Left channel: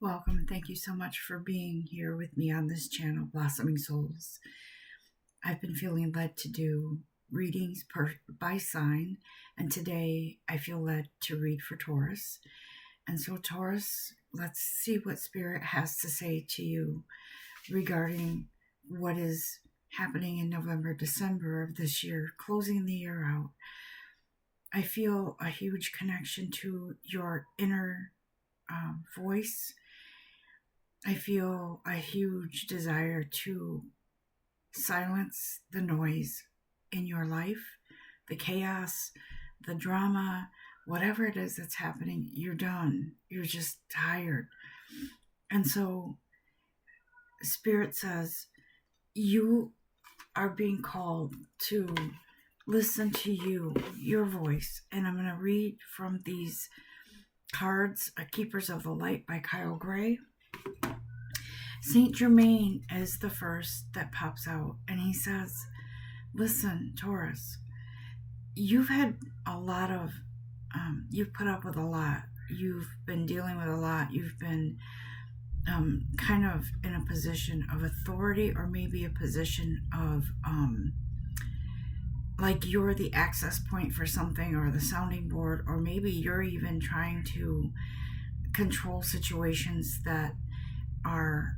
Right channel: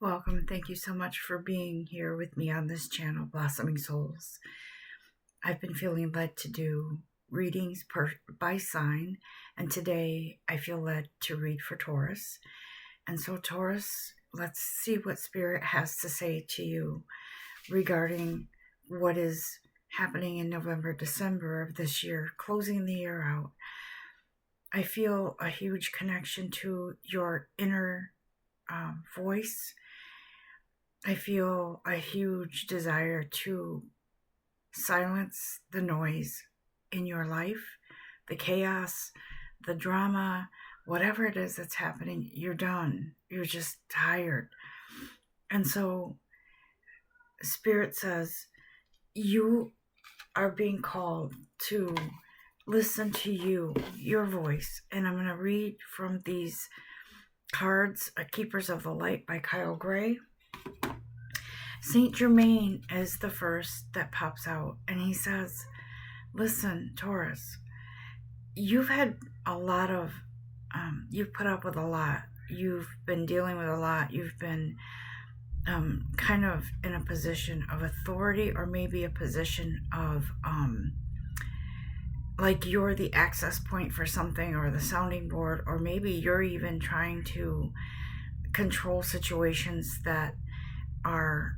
Welcome. Thank you so much for being here with me on this channel, Blossoming Souls. I've been feeling led to do readings by sign, and today I feel led to read for Taurus. And so, Taurus, let's see what Spirit has to say to you regarding what is happening in November, December of this year, closing the year out. I feel a huge connection to your inner voice. I feel a huge desire to silence the noise in your life, the chaos, the drama, whatever it is that's happening. You're done. You're just tired. And so Spirit says you are being called to listen to your voice. And I'm going to read from these cards, Keepers of the Light by Kyle Gray. Saint Germain is the first that pops out, and he says, listen, Taurus, you've had a lot of, you've put up with a lot. You've been dealing with a lot. You've been kind of in a position of authority, or maybe a position of, like you're the access point for something, or the sounding board, or maybe you're even trying to control situations that are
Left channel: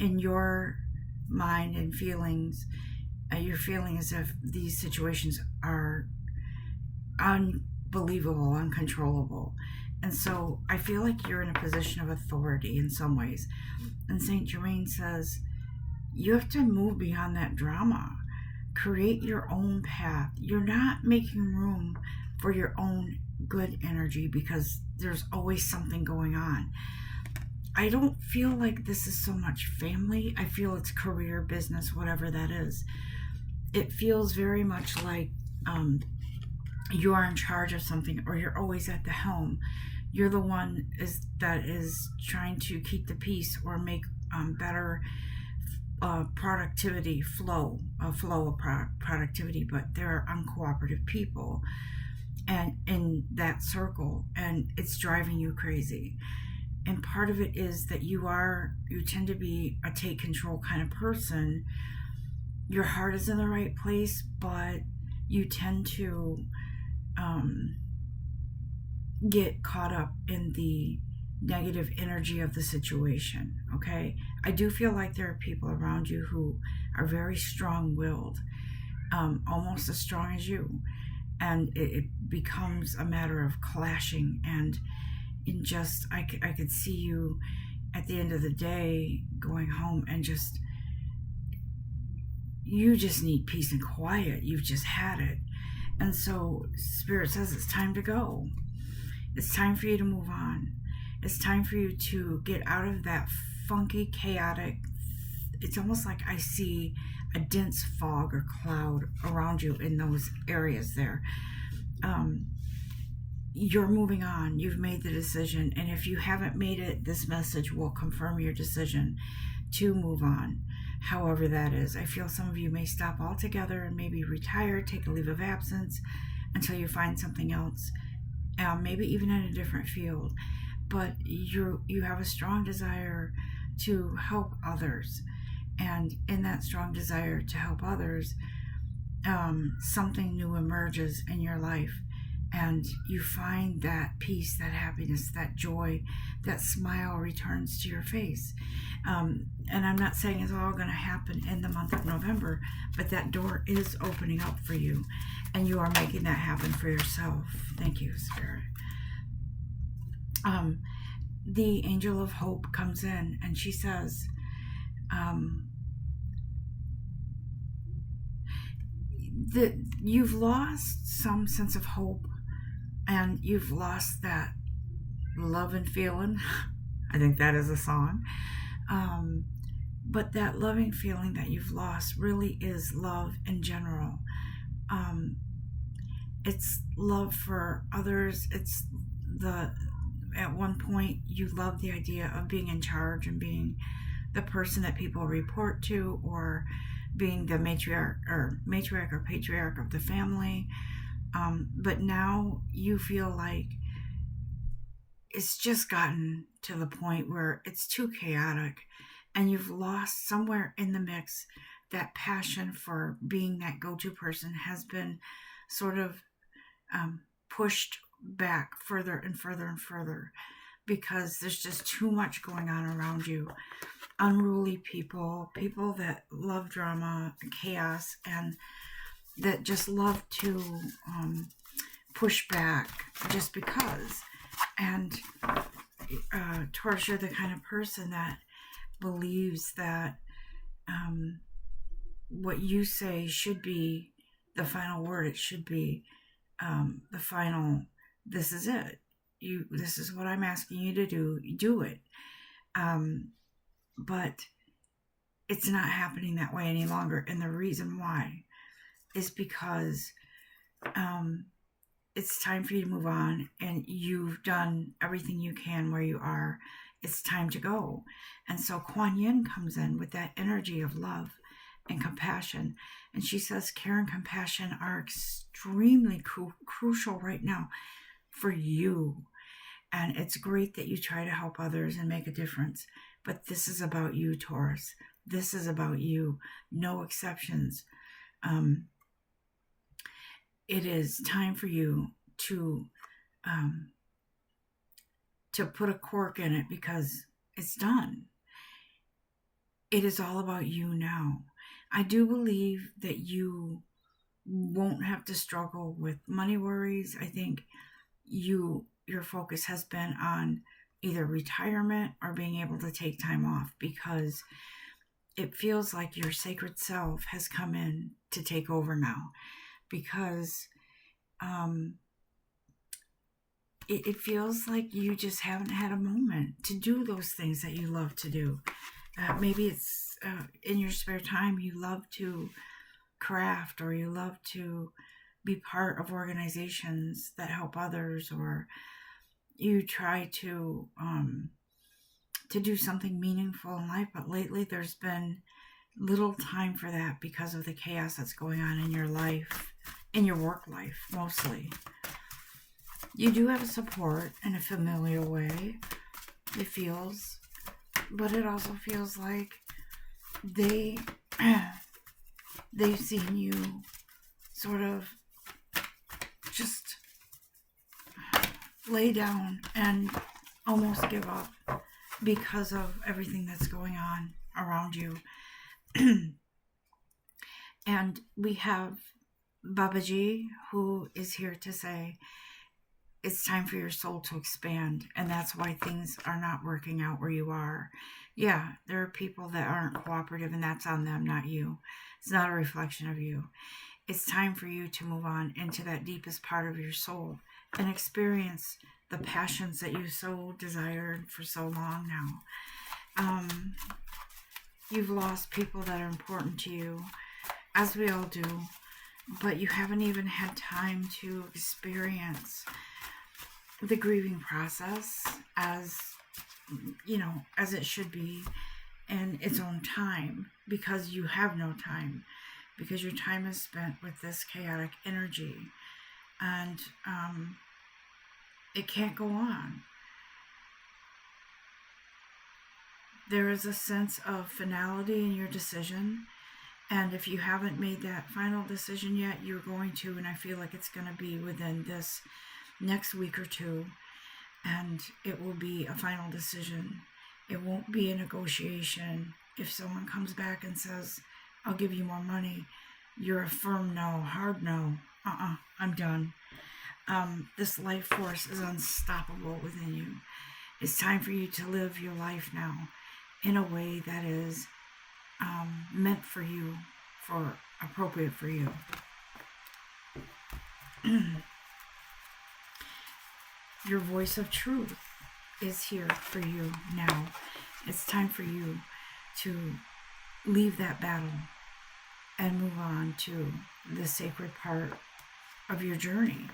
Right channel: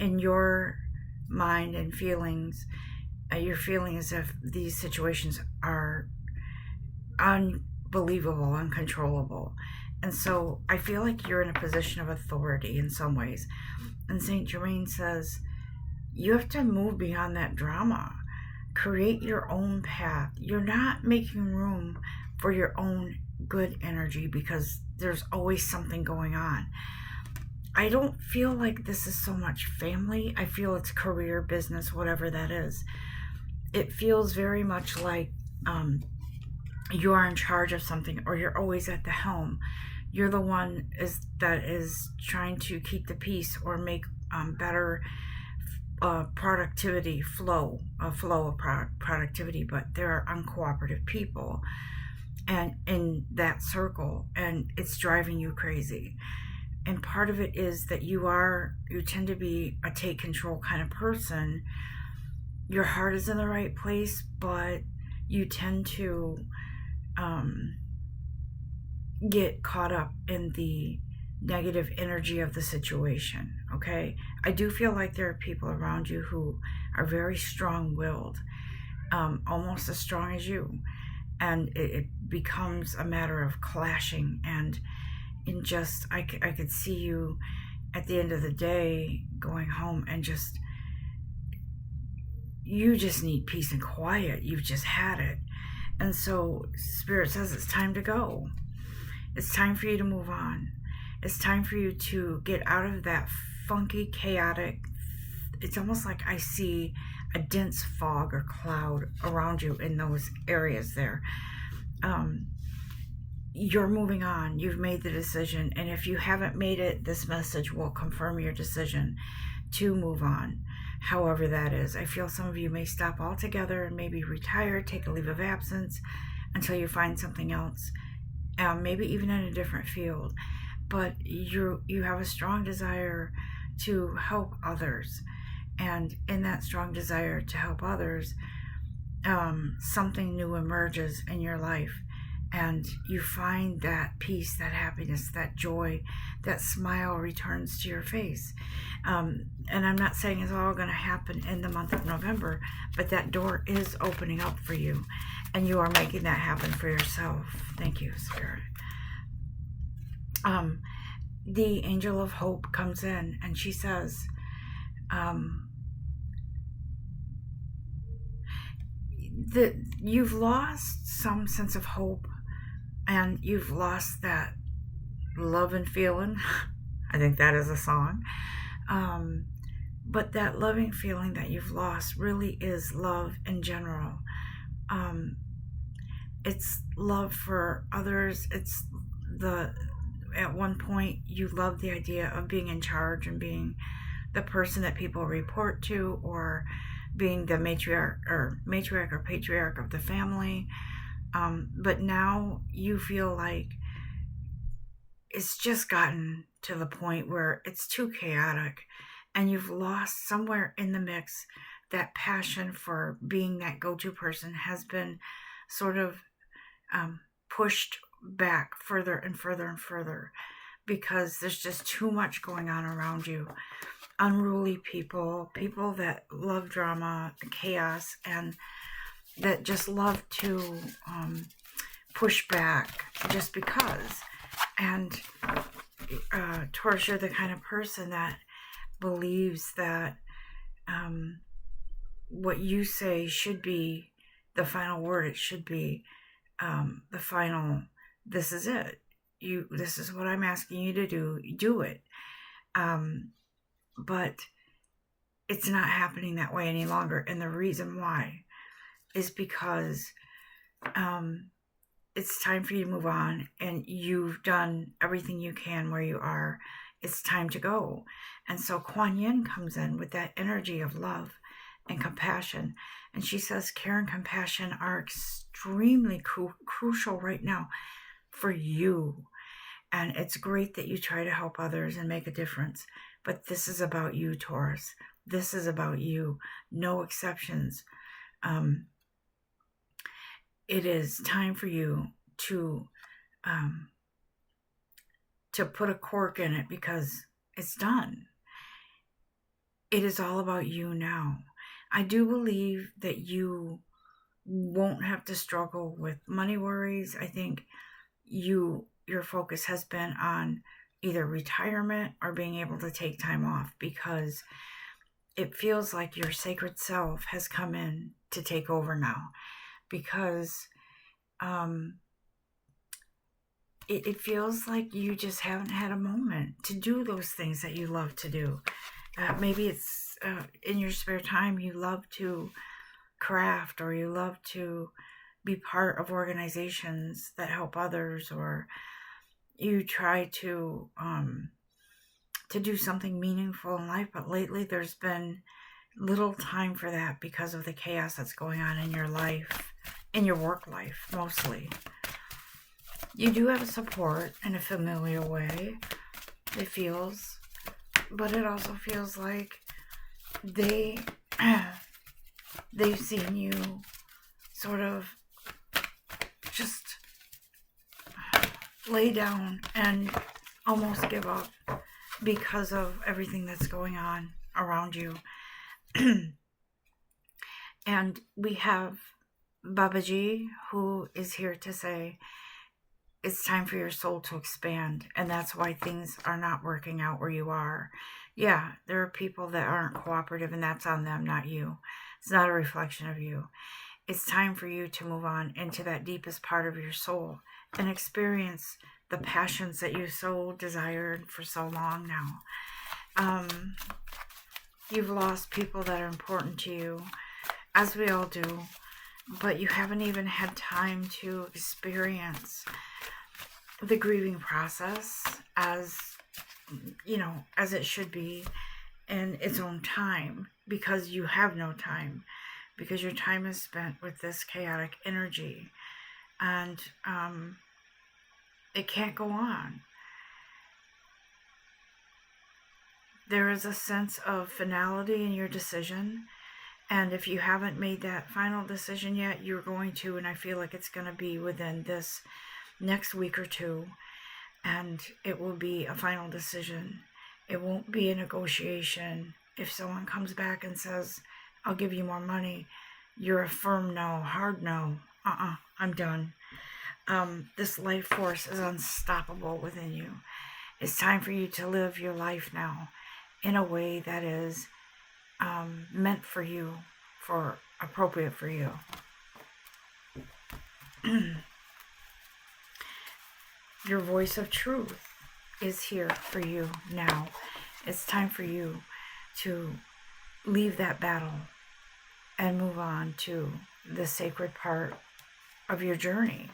in your mind and feelings. You're feeling as if these situations are unbelievable, uncontrollable. And so I feel like you're in a position of authority in some ways. And Saint Germain says, you have to move beyond that drama. Create your own path. You're not making room for your own good energy because there's always something going on. I don't feel like this is so much family. I feel it's career, business, whatever that is. It feels very much like you are in charge of something, or you're always at the helm. You're the one that is trying to keep the peace, or make better productivity flow of productivity. But there are uncooperative people and in that circle, and it's driving you crazy. And part of it is that you tend to be a take control kind of person. Your heart is in the right place, but you tend to get caught up in the negative energy of the situation, okay? I do feel like there are people around you who are very strong-willed, almost as strong as you. And it becomes a matter of clashing, and in just, I could see you at the end of the day going home and you just need peace and quiet. You've just had it. And so Spirit says it's time to go. It's time for you to move on. It's time for you to get out of that funky, chaotic, it's almost like I see a dense fog or cloud around you in those areas there. You're moving on. You've made the decision. And if you haven't made it, this message will confirm your decision to move on, however that is. I feel some of you may stop altogether and maybe retire, take a leave of absence until you find something else, maybe even in a different field. But you have a strong desire to help others. And in that strong desire to help others, something new emerges in your life. And you find that peace, that happiness, that joy, that smile returns to your face. And I'm not saying it's all going to happen in the month of November, but that door is opening up for you. And you are making that happen for yourself. Thank you, Spirit. The Angel of Hope comes in, and she says, you've lost some sense of hope, and you've lost that love and feeling. I think that is a song. But that loving feeling that you've lost really is love in general. It's love for others. It's at one point you loved the idea of being in charge and being the person that people report to, or being the matriarch or patriarch of the family. But now you feel like it's just gotten to the point where it's too chaotic and you've lost somewhere in the mix. That passion for being that go-to person has been sort of pushed back further and further and further because there's just too much going on around you. Unruly people, people that love drama and chaos, and that just love to push back just because. And Taurus, you're the kind of person that believes that what you say should be the final word. It should be the final, this is it. This is what I'm asking you to do. Do it. But it's not happening that way any longer. And the reason why is because it's time for you to move on, and you've done everything you can where you are. It's time to go. And so Kuan Yin comes in with that energy of love and compassion. And she says care and compassion are extremely crucial right now for you. And it's great that you try to help others and make a difference. But this is about you, Taurus. This is about you. No exceptions. It is time for you to put a cork in it because it's done. It is all about you now. I do believe that you won't have to struggle with money worries. I think your focus has been on either retirement or being able to take time off, because it feels like your sacred self has come in to take over now, because it feels like you just haven't had a moment to do those things that you love to do. Maybe it's in your spare time you love to craft, or you love to be part of organizations that help others, or you try to do something meaningful in life. But lately there's been little time for that because of the chaos that's going on in your life, in your work life mostly. You do have support in a familiar way, it feels, but it also feels like they've seen you sort of just lay down and almost give up because of everything that's going on around you. And we have Babaji, who is here to say it's time for your soul to expand, and that's why things are not working out where you are. Yeah, there are people that aren't cooperative, and that's on them, not you. It's not a reflection of you. It's time for you to move on into that deepest part of your soul and experience the passions that you so desired for so long now. You've lost people that are important to you, as we all do, but you haven't even had time to experience the grieving process as, you know, as it should be in its own time, because you have no time, because your time is spent with this chaotic energy, and it can't go on. There is a sense of finality in your decision, and if you haven't made that final decision yet, you're going to, and I feel like it's going to be within this next week or two, and it will be a final decision. It won't be a negotiation. If someone comes back and says, I'll give you more money, you're a firm no, hard no. I'm done. This life force is unstoppable within you. It's time for you to live your life now in a way that is meant for you, for appropriate for you. Your voice of truth is here for you now. It's time for you to leave that battle and move on to the sacred part of your journey,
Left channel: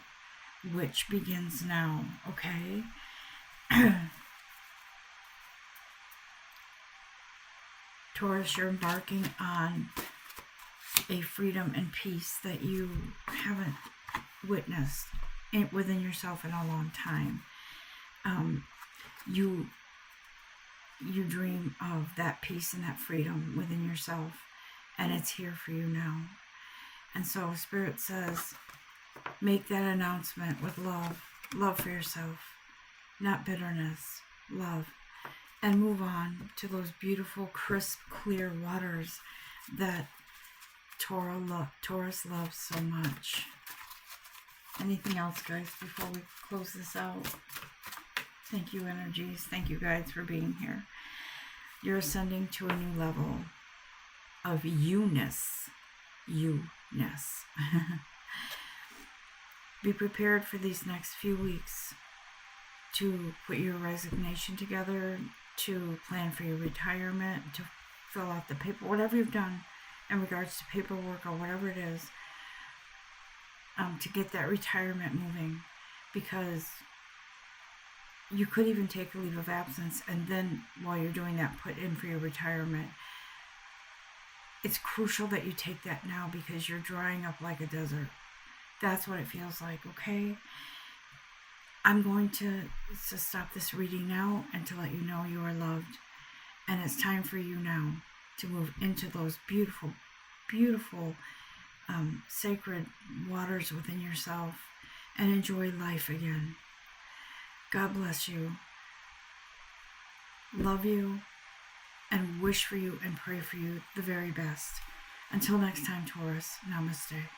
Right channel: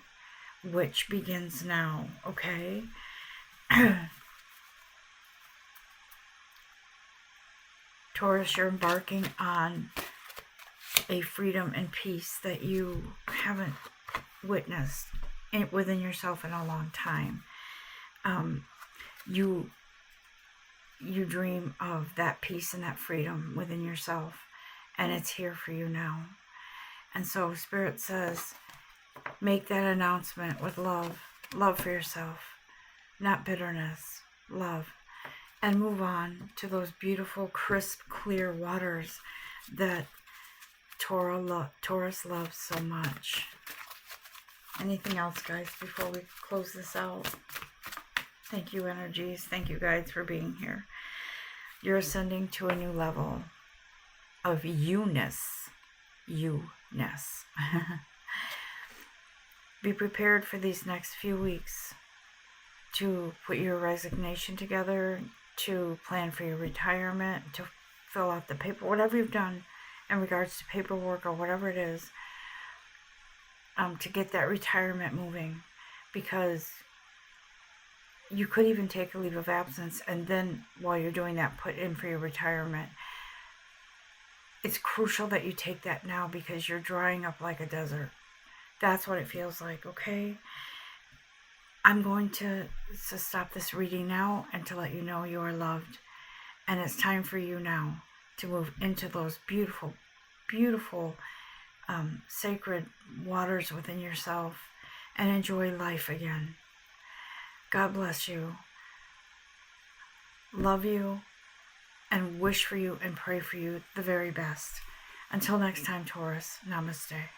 which begins now, okay? Taurus, you're embarking on a freedom and peace that you haven't witnessed within yourself in a long time. You you dream of that peace and that freedom within yourself, and it's here for you now. And so Spirit says, make that announcement with love. Love for yourself, not bitterness. Love. And move on to those beautiful, crisp, clear waters that Taurus loves so much. Anything else, guys, before we close this out? Thank you, energies. Thank you, guys, for being here. You're ascending to a new level of YOUness. YOUness. Be prepared for these next few weeks to put your resignation together, to plan for your retirement, to fill out the paper, whatever you've done in regards to paperwork or whatever it is, to get that retirement moving, because you could even take a leave of absence and then while you're doing that put in for your retirement. It's crucial that you take that now because you're drying up like a desert. That's what it feels like, okay? I'm going to stop this reading now and to let you know you are loved. And it's time for you now to move into those beautiful, beautiful, sacred waters within yourself and enjoy life again. God bless you. Love you and wish for you and pray for you the very best. Until next time, Taurus, namaste.